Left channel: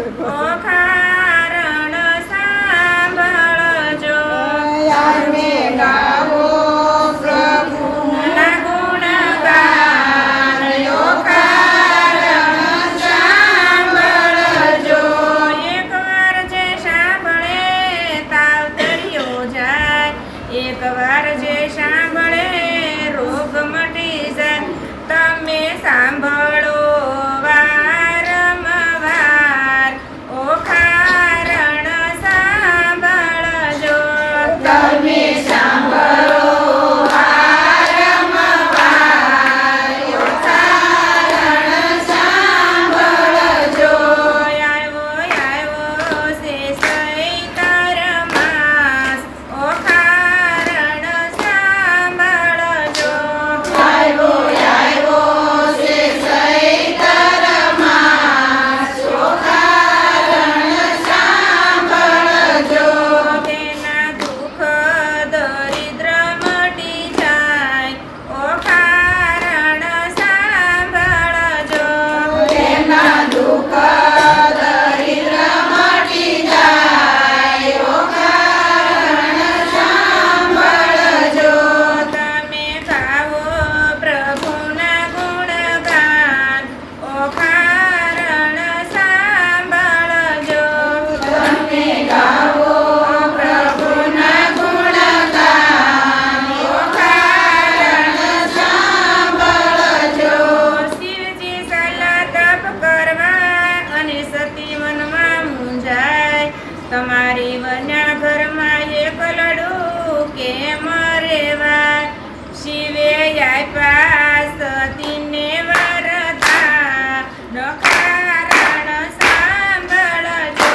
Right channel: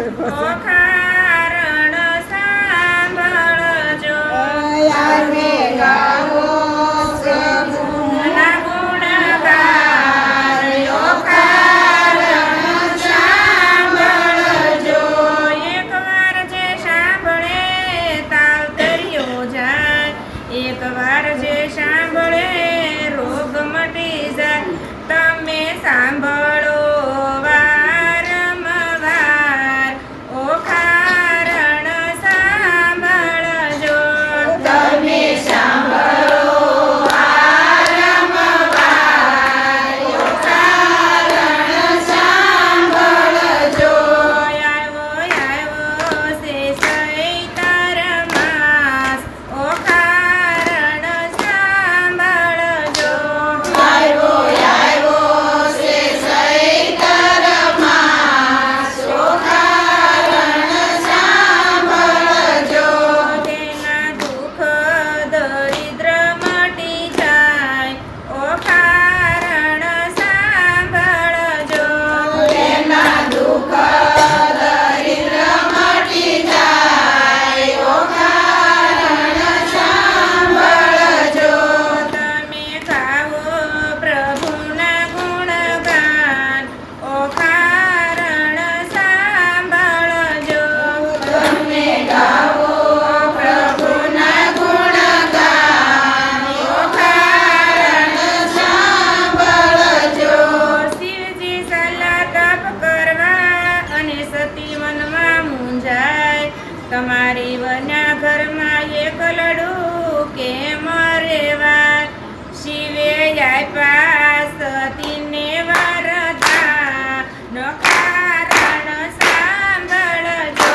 ઓ કારણ સાંભળજો અમે ગાવો ના ગુણગાન ઓ કારણ સાંભળજો એકવાર જે સાંભળે તાવ તર્યો જાય એકવાર જે સાંભળે રોગ મટી જાય તમે સાંભળો વારંવાર ઓ કારણ સાંભળજો તમે સાંભળો વારંવાર ઓ કારણ સાંભળજો આવ્યો છે ચૈતર માસ ઓ કારણ સાંભળજો આવ્યો છે ચૈતર માસ ઓ કારણ સાંભળજો તેના દુઃખ દરિદ્ર મટી જાય ઓ કારણ સાંભળજો તેના દુઃખ દરિદ્ર મટી જાય ઓ કારણ સાંભળજો તમે ગાવો પ્રભુના ગુણગાન ઓ કારણ સાંભળજો તમે ગાવો પ્રભુના ગુણગાન ઓ કારણ સાંભળજો શિવજી સલાહ તપ કરવા અને સતી વનમાં મૂંઝાય તમારી વન્યા ઘરમાં એકલડું કેમ રેવાય શિવે આપ્યા સતીને વરદાન કારણ સાંભળજો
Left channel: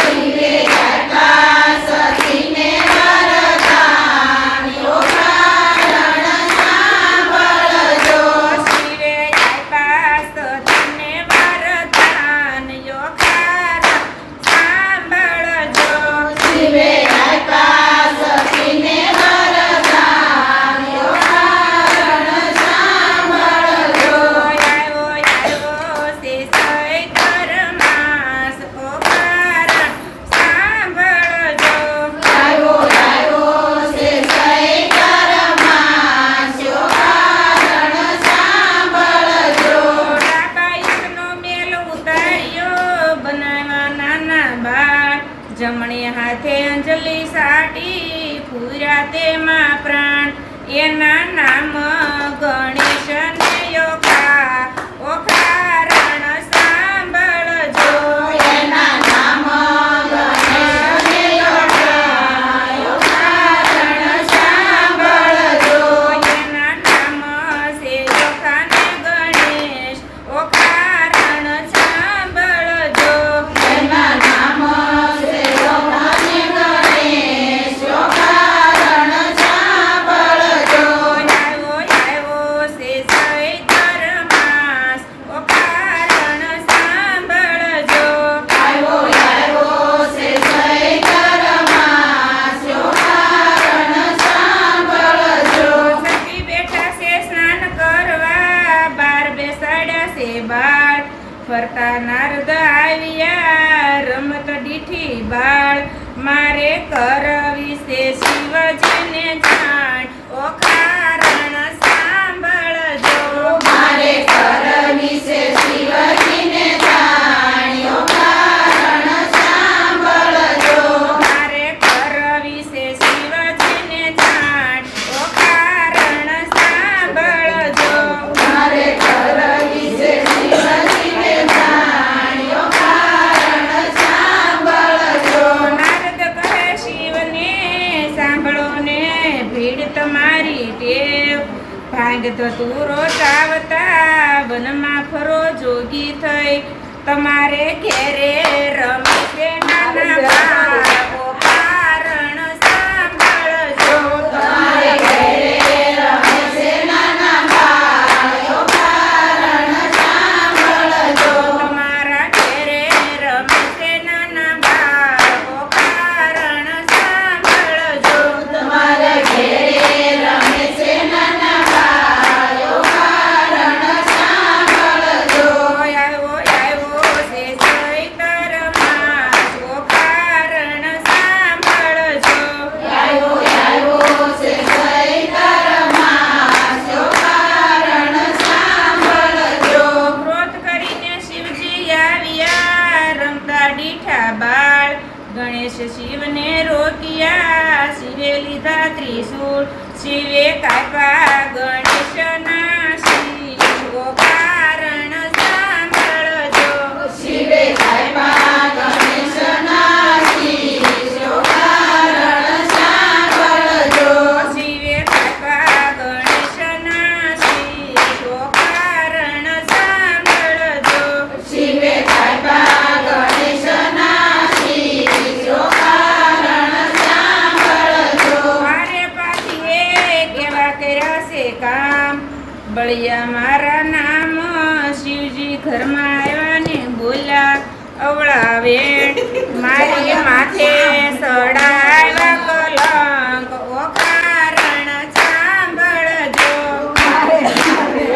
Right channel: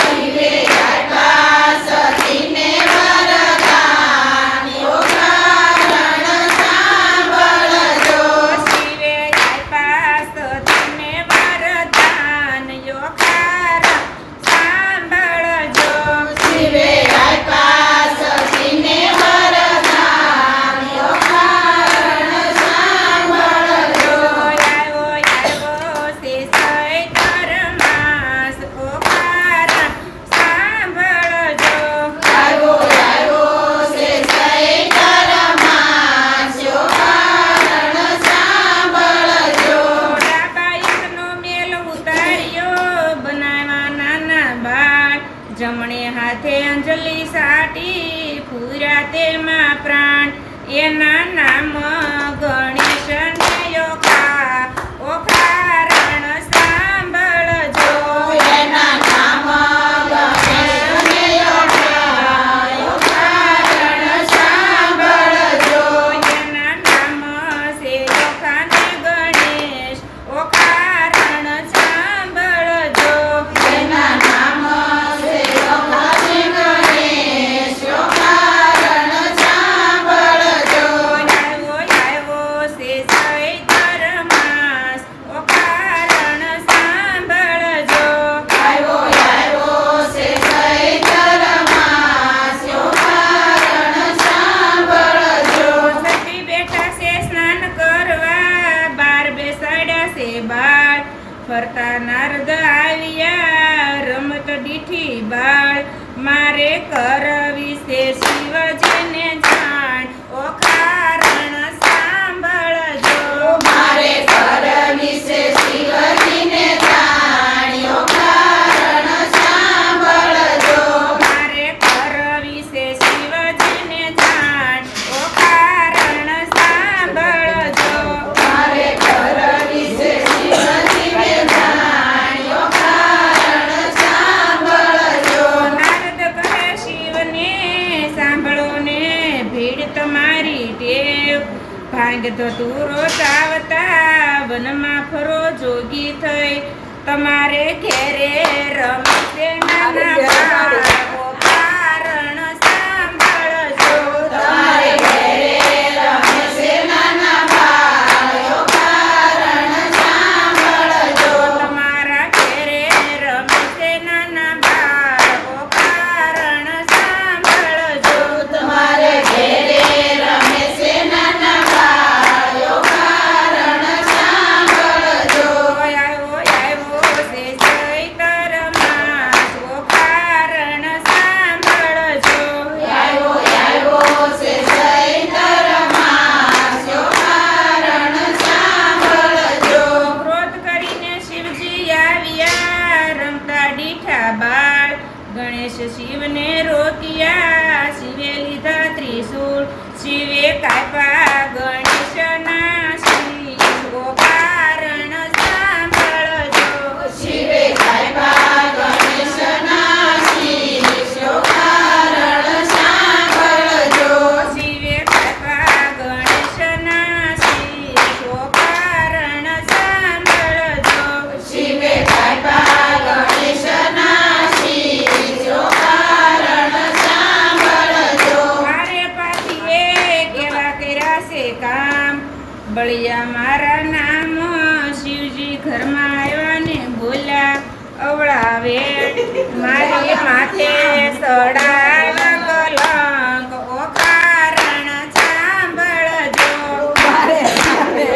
શિવે આપ્યા સતીને વરદાન ઓ કારણ સાંભળજો શિવે આપ્યા સતીને વરદાન યો કારણ સાંભળજો શિવે આપ્યા સતીને વરદાન ઓ કારણ સાંભળજો આવ્યો છે ચૈતર માસ ઓ કારણ સાંભળજો આવ્યો છે ચૈતર માસ ઓ કારણ સાંભળજો ડાકાઈકનો મેલ ઉતાર્યો બનાવ્યા નાના બાળ જમણે હાથે અંજલિ સાટી પૂર્યા તેમાં પ્રાણ એના નામ ગણેશને યોખા ઓ કારણ સાંભળજો એના નામ ગણેશને યોખાય ઓ કારણ સાંભળજો એના નામ છે યોખાને ગણેશ ઓ કારણ સાંભળજો એના નામ છે યોખાને ગણેશ ઓ કારણ સાંભળજો આવ્યો છે ચૈતર માસ ઓ કારણ સાંભળજો આવ્યો છે ચૈતર માસ ઓ કારણ સાંભળજો સતી બેઠા છે સ્નાન કરવા બાર બેસાડ્યા છે બાળ ફરતા નારદ આવ્યા રમત દીઠી બાળ મારે કરવી છે શિવજીને જાણ ઓ કારણ સાંભળજો મારે કરવી છે શિવજીને જાણ ઓ કારણ સાંભળજો મારે કરવી છે શિવજીને જાણ ઓ કારણ સાંભળજો મારે કરવી છે શિવજીને જાણ ઓ કારણ સાંભળજો નારદ કહે શિવને સાંભળો ને ભીડ તમારી ટેવ ભાંગ ધતુરો ચાવતા વનમાં ફરો જોગી થઈ તમારે ઘેરે રમશે નાના બાળકો કારણ સાંભળજો તમારે ઘેરે રમે છે નાના બાળ ઓ કારણ સાંભળજો તમારા ઘેરે રમશે નાના બાળકો કારણ સાંભળજો તમારે ઘેરે રમે છે નાના બાળ ઓ કારણ સાંભળજો આવ્યો છે ચૈતર ગણેશ શિવને રોક્યા, શિવે લીધા ત્રિશૂળ, શિવે કાપ્યા ગણેશના શીશ. ઓ કારણ સાંભળજો, શિવે કાપ્યા ગણેશના શીશ. ઓ કારણ સાંભળજો, શિવે કાપ્યા ગણેશના શીશ. ઓ કારણ સાંભળજો, શિવે કાપ્યા ગણેશના શીશ. ઓ કારણ સાંભળજો, મારે પાછીએ કેવા કર્યા છે કામ, બળિયા મારા નામ. શિવજી ઘરમાં આવ્યા ને બોલ્યા, અવળા વેણ મારી માથે સડાવ્યા કલંક. ઓ કારણ સાંભળજો, મારે કલંક.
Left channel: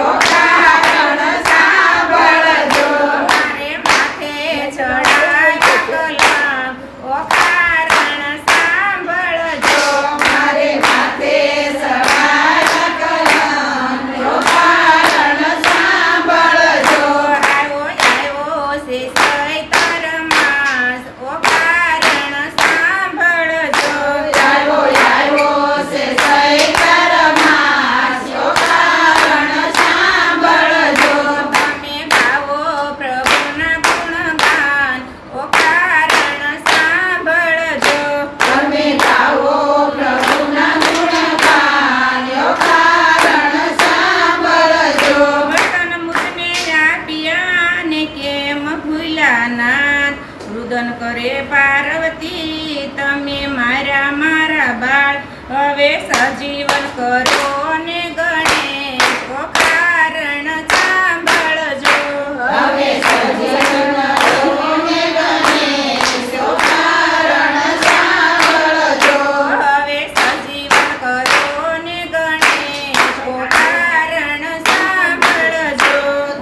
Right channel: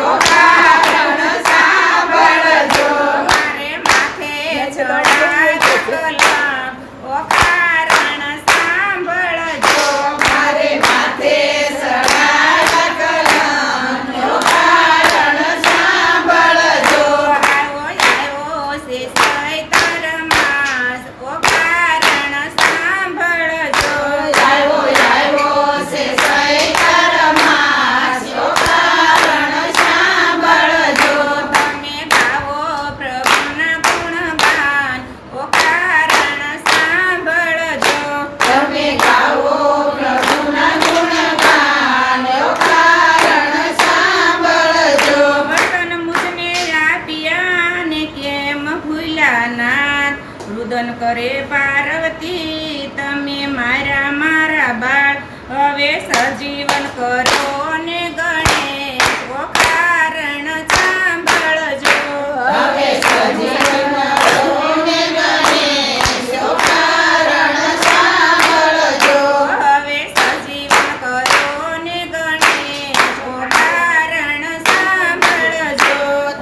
ઓ કારણ સાંભળજો, મારે માથે ચડાવ્યા કલંક. ઓ કારણ સાંભળજો, મારે માથે સડાવ્યા કલંક. ઓ કારણ સાંભળજો, આવ્યો છે ચૈત્ર માસ. ઓ કારણ સાંભળજો, આવ્યો છે ચૈત્ર માસ. ઓ કારણ સાંભળજો, તમે ગાવો પ્રભુના ગુણગાન. ઓ કારણ સાંભળજો, તમે ગાઓ પ્રભુના ગુણગાન. ઓ કારણ સાંભળજો, વતન મુજને આપ્યા ને કેમ ભૂલ્યા નાથ. રુદન કરે પાર્વતી, તમે મારા બાળ. હવે સજીવન કરો ને ગણેશ. ઓ કારણ સાંભળજો, હવે સજીવન રોને ગણેશ. ઓ કારણ સાંભળજો, હવે સજીવન કરો ને ગણેશ. ઓ કારણ સાંભળજો,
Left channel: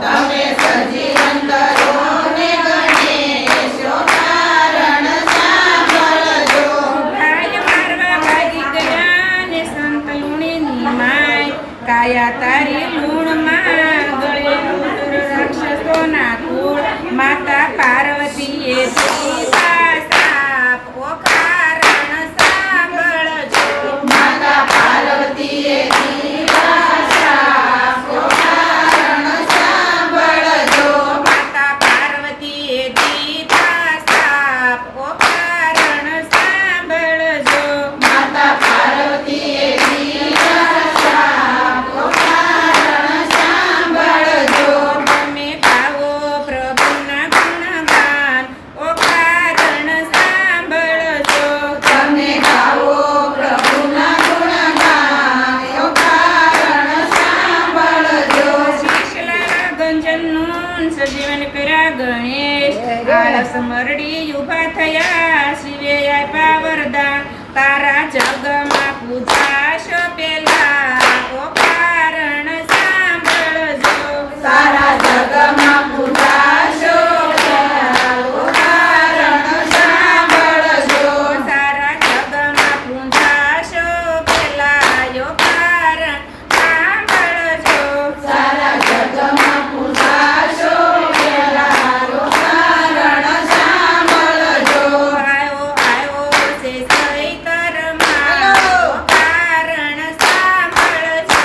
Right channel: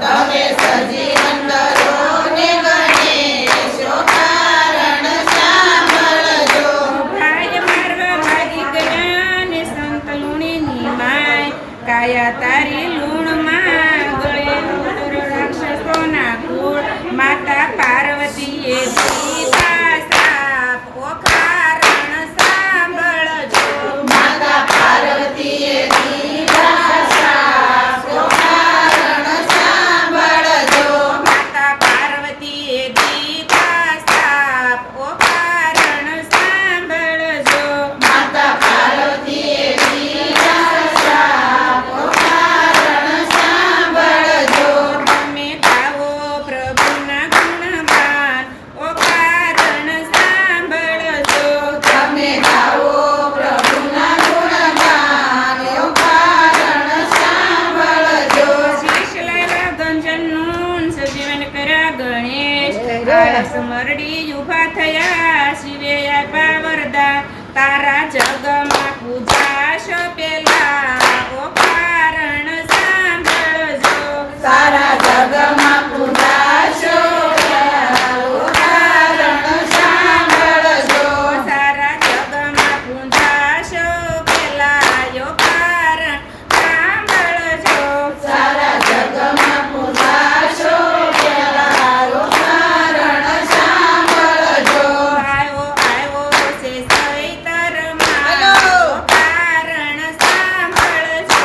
હવે સજીવન રોને ગણેશ. ઓ કારણ સાંભળજો, ભાઈ મારવા ભાગી ગયા ને સંત લુણીની માય. કાયા તારી લૂણમાં, ગળે રુદ્ર રાક્ષસોના કુળ. માતા પાર્વતીએ દીધા શાપ. ઓ કારણ સાંભળજો, માતા પાર્વતીએ દીધા શાપ. ઓ કારણ સાંભળજો, માતા પાર્વતીએ દીધા શાપ. ઓ કારણ સાંભળજો, માતા પાર્વતીએ દીધા શાપ. ઓ કારણ સાંભળજો, તમે ગાવો પ્રભુના ગુણગાન. ઓ કારણ સાંભળજો, તમે ગાઓ પ્રભુના ગુણગાન. ઓ કારણ સાંભળજો, શીશ લાવ્યા ગંજનનું, સજીવન કર્યા ગણેશ. આળસ મરડી ઊભા થયા, શિવે આપ્યા વરદાન. તારા જગમાં પૂજાશો પેલા. ઓ કારણ સાંભળજો, તારા જગમાં પૂજાશો પેલા. ઓ કારણ સાંભળજો, સારા જગમાં પૂજાશો પેલા. ઓ કારણ સાંભળજો, સારા જગમાં પૂજાશો પેલા. ઓ કારણ સાંભળજો, આવ્યો છે ચૈત્ર માસ. ઓ કારણ સાંભળજો,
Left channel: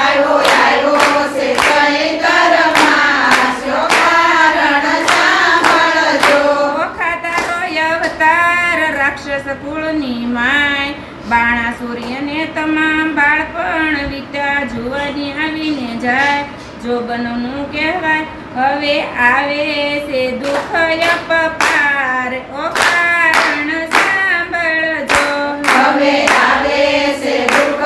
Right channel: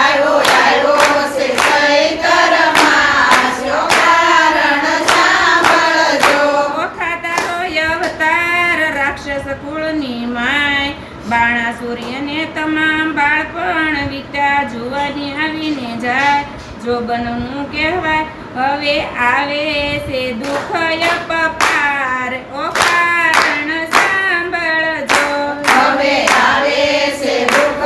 આવ્યો છે ચૈત્ર માસ. ઓ કારણ સાંભળજો, ઓખાતારો અવતાર રાક્ષસ કુળની માય. બાણાસુર્યને તમામ બાળપણ વીત્યા, જુવાની આવીને જાય. જોબનનું કહેવાય, હવે આવે છે દુઃખ અપપાર. ઓ કારણ સાંભળજો, હવે આવે છે દુઃખ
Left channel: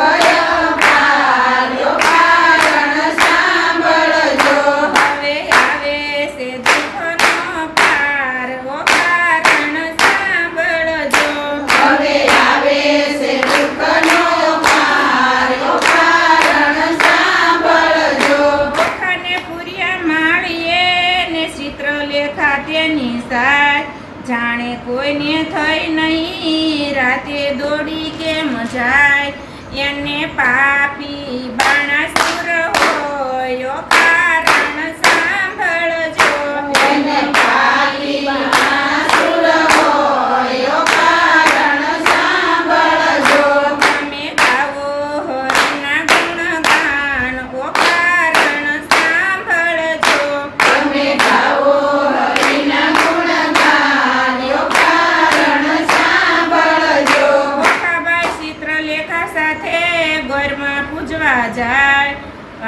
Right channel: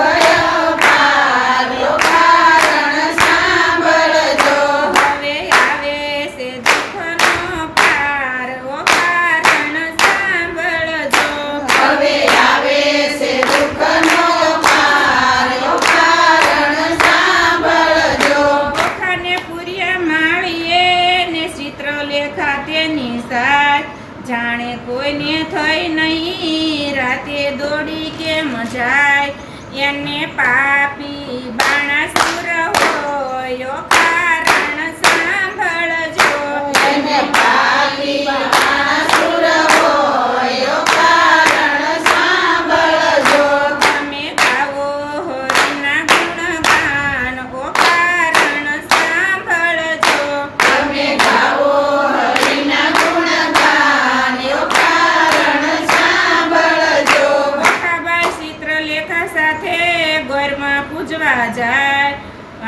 અપાર. ઓ કારણ સાંભળજો, હવે આવે છે દુઃખનો પાર. ઓ કારણ સાંભળજો, હવે આવે છે દુઃખનો પાર. ઓ કારણ સાંભળજો, ઓખાને પૂર્યા માળીએ ને ચિત્ર લેખા તેની સાથ. જાણે કોઈને થઈ નહીં, રાતે દોડી કેમ જાય. એને પાપી બાણાસુર હોય. ઓ કારણ સાંભળજો, એને પાપ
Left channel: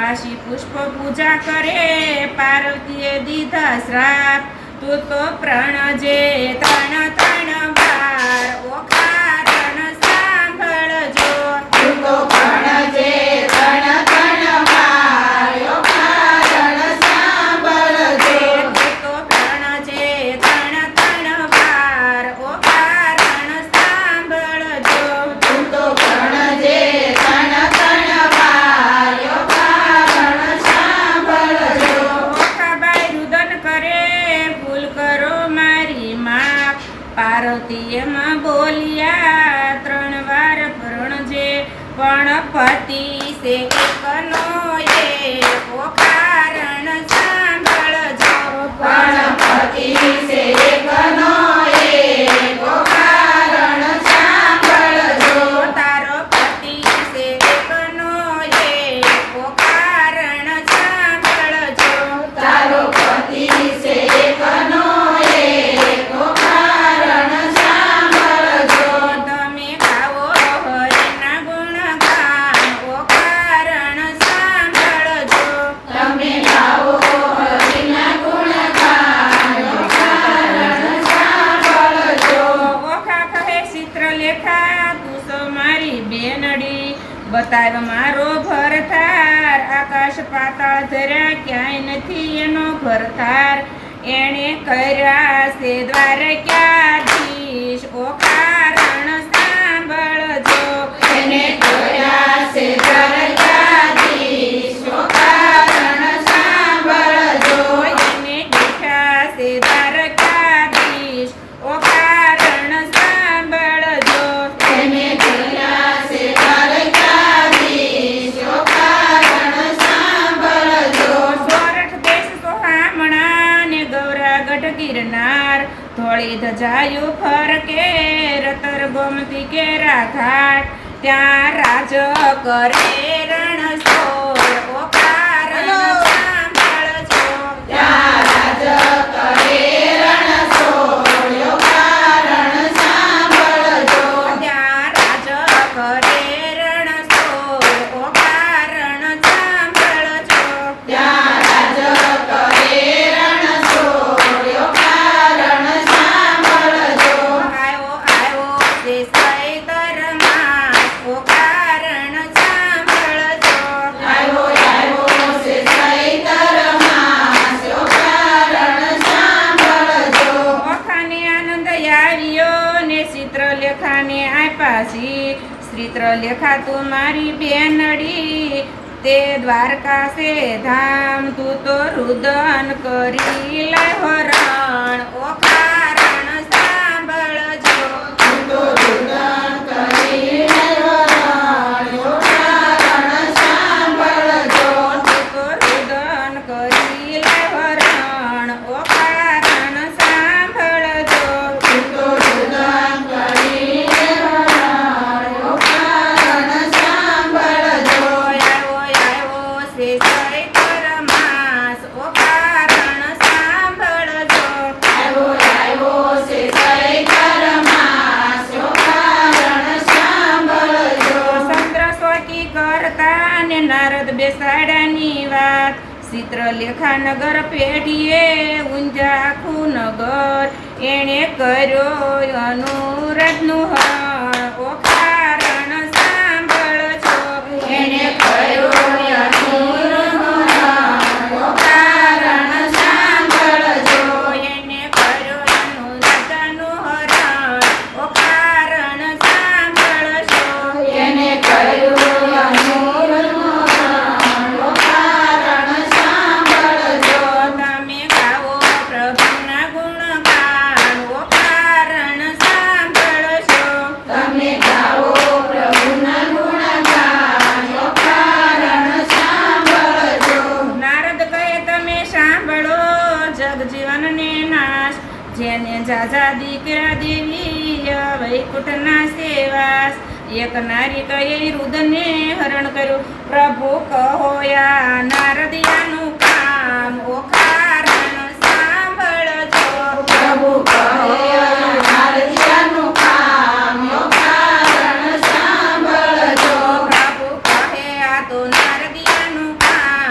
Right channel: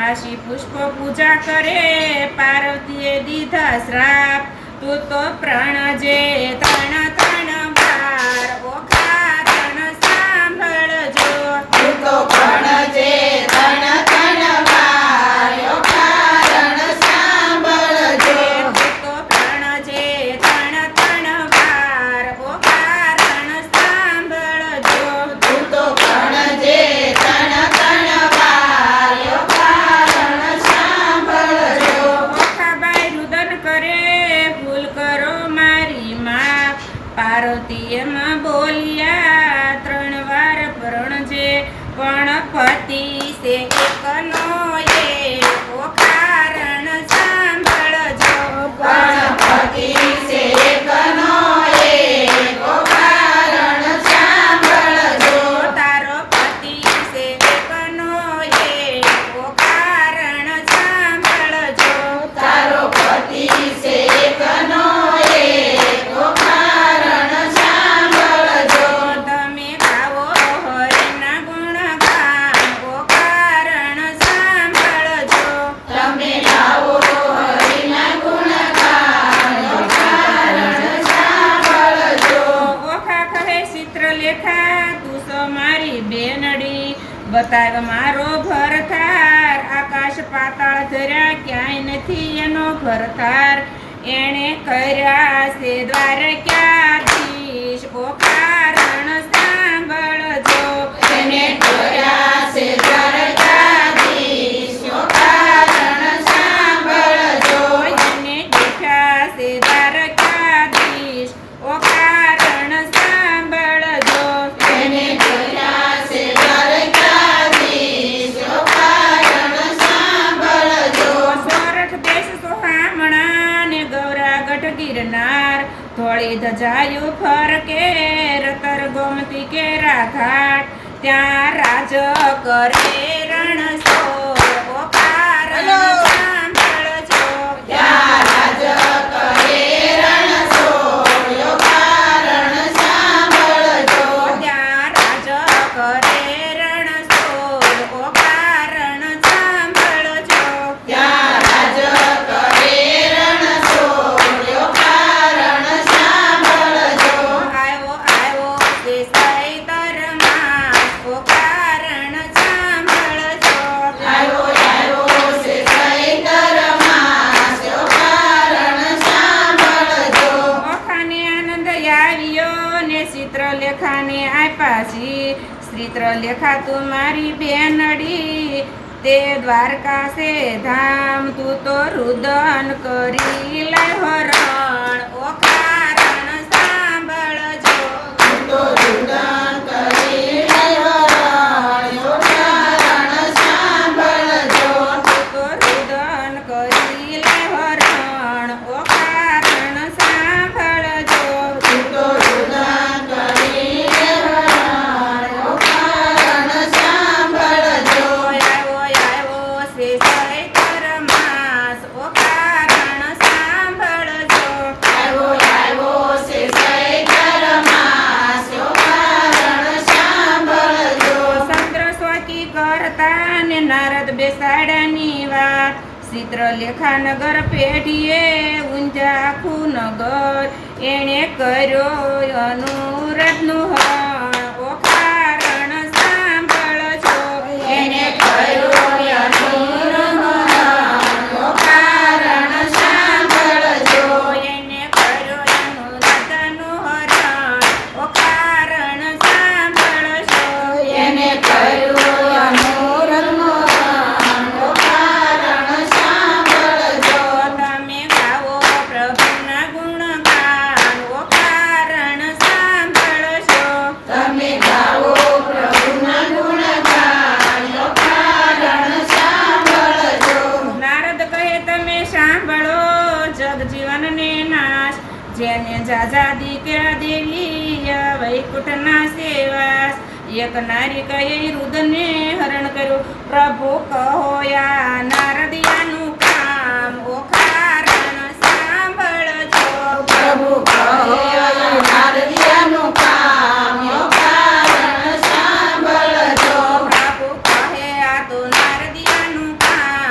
વાસી પુષ્પ પૂજા કરે પાર્વતીએ દીધા શ્રાપ તું તો પ્રણજે ત્રણ ત્રણ વાર ઓખા રણ સાંભળજો તું તો પ્રણજે ત્રણ ત્રણ વાર ઓખા રણ સાંભળજો તું તો પ્રણજે ત્રણ ત્રણ વાર ઓખા રણ સાંભળજો તું તો પ્રણજે ત્રણ ત્રણ વાર ઓખા રણ સાંભળજો ઓખાબાઈ રુદન કરે ભૂલ કરો મારી માપ પાર્વતી એમાં બોલ્યા ત્રણ વાર પ્રણજે પણ પતિ સે એકનો એ ઓખા રણ સાંભળજો ગણપતિ સે એકનો એક ઓખા રણ સાંભળજો તારો પતિ સે એકનો એ ઓખા રણ સાંભળજો તારો પતિ સે એકનો એક ઓખા રણ સાંભળજો તમે ગાવો હરિના ગુણગાન ઓખા રણ સાંભળજો તમે ગાઓ હરિના ગુણગાન ઓખા રણ સાંભળજો ઓખા કહે ચિત્રલેખા તું સો મારી બેનડી બતાવ મારો ભરથાર આકાશ પાતાળ ધર્યા ક્યાંય નથી એનો ભરથાર એણે કર્યા છે દ્વારકાધીશ ઓખા રણ સાંભળજો એને જોયા છે દ્વારકાધીશ ઓખા રણ સાંભળજો એને દેખ્યા છે દ્વારકાધીશ ઓખા રણ સાંભળજો એને જોયા છે દ્વારકાધીશ ઓખા રણ સાંભળજો સોરઠ દેશ સોહામણા ને ગૌરાગઢ ગિરનાર ધોળી ધજાયું ફરકે રતર ગોમતી કેરા ઘાટ ત્યાં રાજ કરે રણછોડ ઓખા રણ સાંભળજો ત્યાં રાજ કરે રણછોડ ઓખા રણ સાંભળજો ત્યાં રાજ કરે રણછોડ ઓખા રણ સાંભળજો ત્યાં રાજ કરે રણછોડ ઓખા રણ સાંભળજો આવ્યો આવ્યો તે સૈતર માસ ઓખા રણ સાંભળજો આવ્યો આવ્યો છે ચૈતર માસ ઓખા રણ સાંભળજો ઓખાને આનંદ આવ્યો ને ચિત્રલેખાને આપાસી ચિત્રલેખા તું મારી બેનડી તે દ્વારકા છે ધામ તું તો રુદન કરી લય હરણ ઓખા રણ સાંભળજો તું તો રુદન કરી હરણ ઓખા રણ સાંભળજો તું તો રુદન કરી લય હરણ ઓખા રણ સાંભળજો તું તો રુદન કરી હરણ ઓખા રણ સાંભળજો આવ્યો આવ્યો છે ચૈત્ર માસ ઓખા રણ સાંભળજો આવ્યો આવ્યો છે ચૈતર માસ ઓખા રણ સાંભળજો ચંદ્ર સ્વકી કરતા ને નારદ બેસાડાની વાત ચિત્રલેખા નગર પેઢીએ ઊંઝા આખું નગર એણે કર્યો અનુરાધનું હરણ ઓખા રણ સાંભળજો એને કર્યો અનુનું હરણ ઓખા રણ સાંભળજો એને કર્યો અનુરાધનું હરણ ઓખા રણ સાંભળજો એને કર્યું અનુનું હરણ ઓખા રણ સાંભળજો તમે ગાવો પ્રભુના ગુણગાન ઓખા રણ સાંભળજો તમે ગાઓ પ્રભુના ગુણગાન ઓખા રણ સાંભળજો નારદ કહે તમે સાંભળો જગજીવનને નાશ જેને જાજા દીકરા દેવી વૈકુંઠના સેવાસ એક નારી કહે રુદને હરણ કર્યું પ્રભુ કહો યા નારદિયાનું કામ ઓખા રણ સાંભળજો પ્રભુ કહે નારદિયાનું કામ ઓખા રણ સાંભળજો પ્રભુ કહે આ તો નારદિયાનું કામ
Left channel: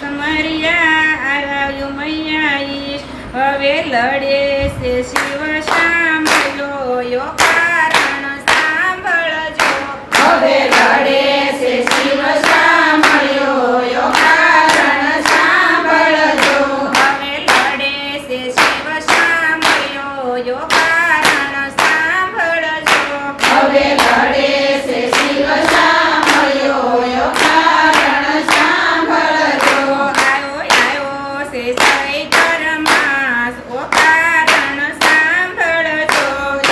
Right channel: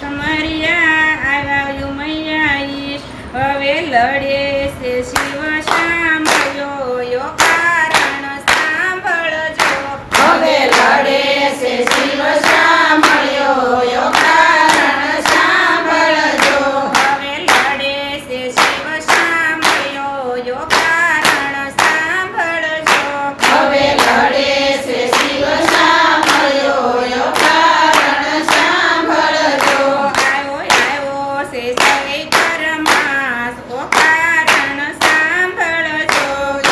સમરિયા આવ્યા મૈયા ઈશ હવે લડે છે શિવ સાંભળ્યો યો કારણ સાંભળજો હવે લડે છે શિવ સાંભળ્યો યો કારણ સાંભળજો હવે લડે છે શિવ સાંભળ્યો યો કારણ સાંભળજો હવે લડે છે શિવ સાંભળ્યો યો કારણ સાંભળજો આવ્યો છે ચૈત્ર માસ ઓ કારણ સાંભળજો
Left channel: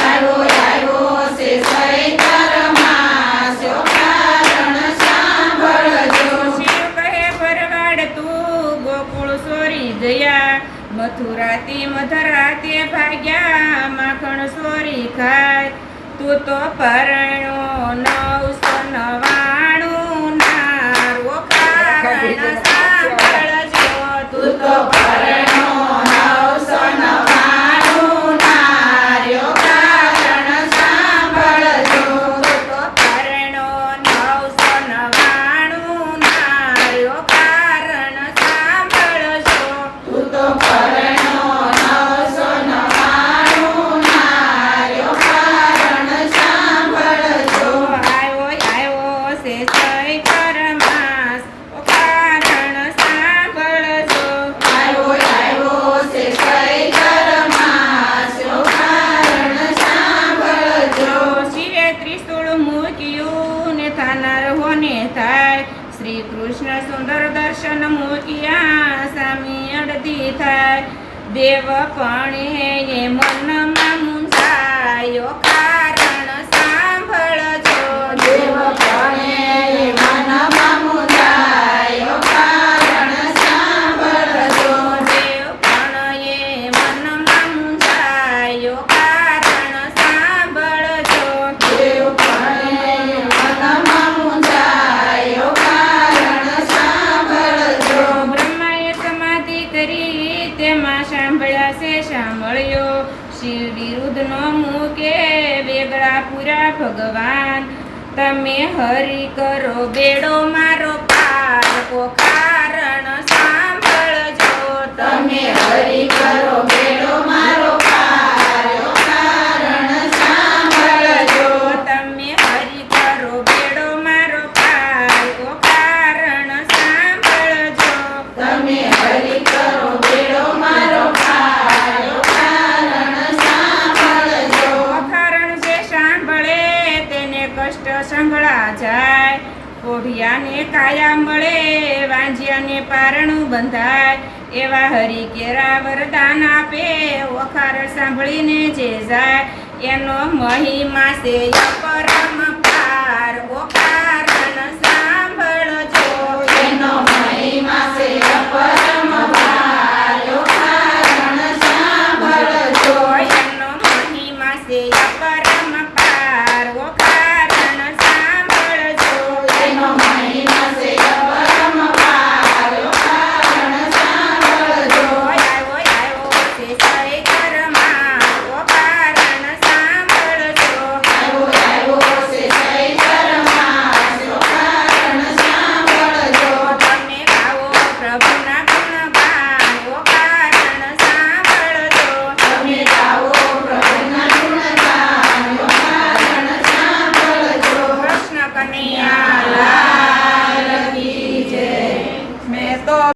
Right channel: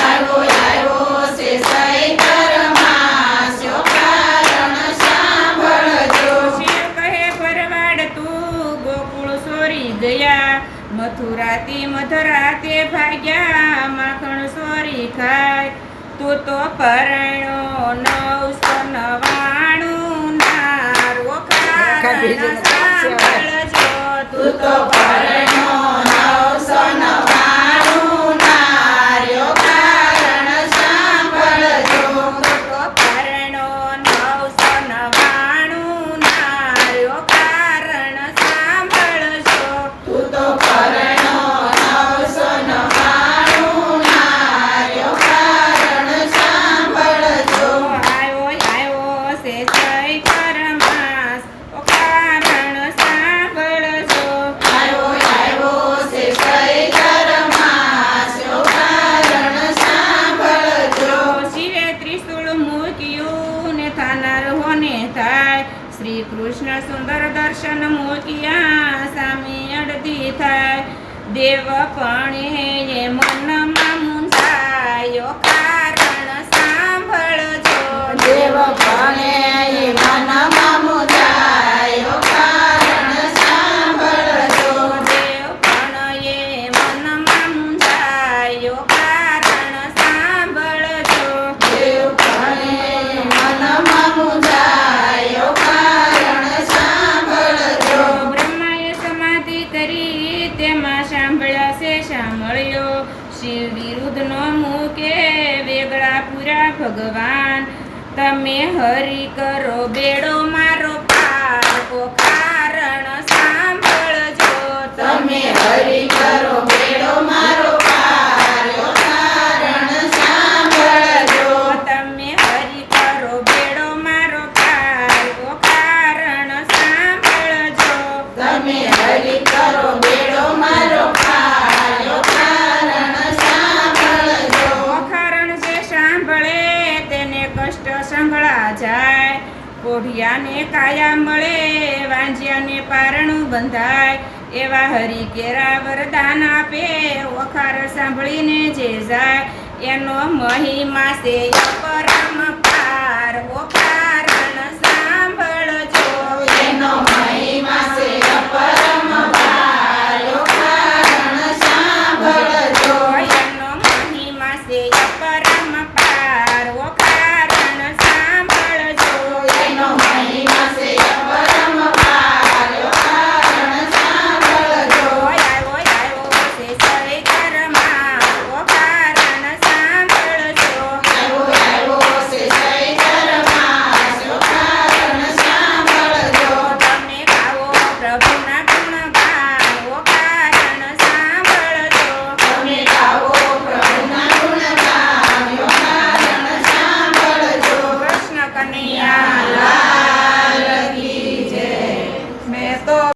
આવ્યો છે ચૈત્ર માસ યો કારણ સાંભળજો શિવ કહે ભરવાડ તું ગોકુળ સોરી ગયા મથુરાથી મધરાતે ભાગ્યા માખણ સોરી ખાય તું તો પરણો 999 નાર ઓ કારણ સાંભળજો તું તો પરણો 999 નાર્યો કારણ સાંભળજો તું તો પરણો 999 નાર્યો કારણ સાંભળજો તું તો પરણો 999 નાર્યો કારણ સાંભળજો આવ્યો છે ચૈત્ર માસ ઓ કારણ સાંભળજો આવ્યો છે ચૈત્ર માસ યો કારણ સાંભળજો શિવે ત્રિશૂળ મૂક્યું ને થાનાર હોને થાય શ્રી કૃષ્ણ સુંદર દર્શન મૂક્યા સામી અડધી થાય દેવ પણ એ મનમાં મૂંઝાયો કારણ સાંભળજો દેવ પણ મનમાં મુંજાયો કારણ સાંભળજો દેવ પણ એ મનમાં મૂંઝાયો કારણ સાંભળજો દેવ પણ મનમાં મુંજાયો કારણ સાંભળજો બ્રહ્માએ સમાધિ કરી તેમાં સાંભળ્યા છે સાંભળ્યો શિવ વિરુદ્ધનો મૂકે વેગળા પૂરા ભગવાન તમે હરી કરો બેડો મારો પાર ઓ કારણ સાંભળજો તમે હરી કરો બેડો મારો પાર યો કારણ સાંભળજો તમે હરી કરો બેડો મારો પાર ઓ કારણ સાંભળજો તમે હરી કરો બેડો મારો પાર યો કારણ સાંભળજો કારણ જે સાંભળે તેને કષ્ટ સંભળા જાય કોઢિયાને કાયા મળે વાંજિયાને પારણું બંધાય એવા હરિ કેરા વરદાન આપે ઓખાર સાંભળીને જે જાય એનો મહિમા છે અપરમ પાર ઓ કારણ સાંભળજો એનો મહિમા છે અપરમ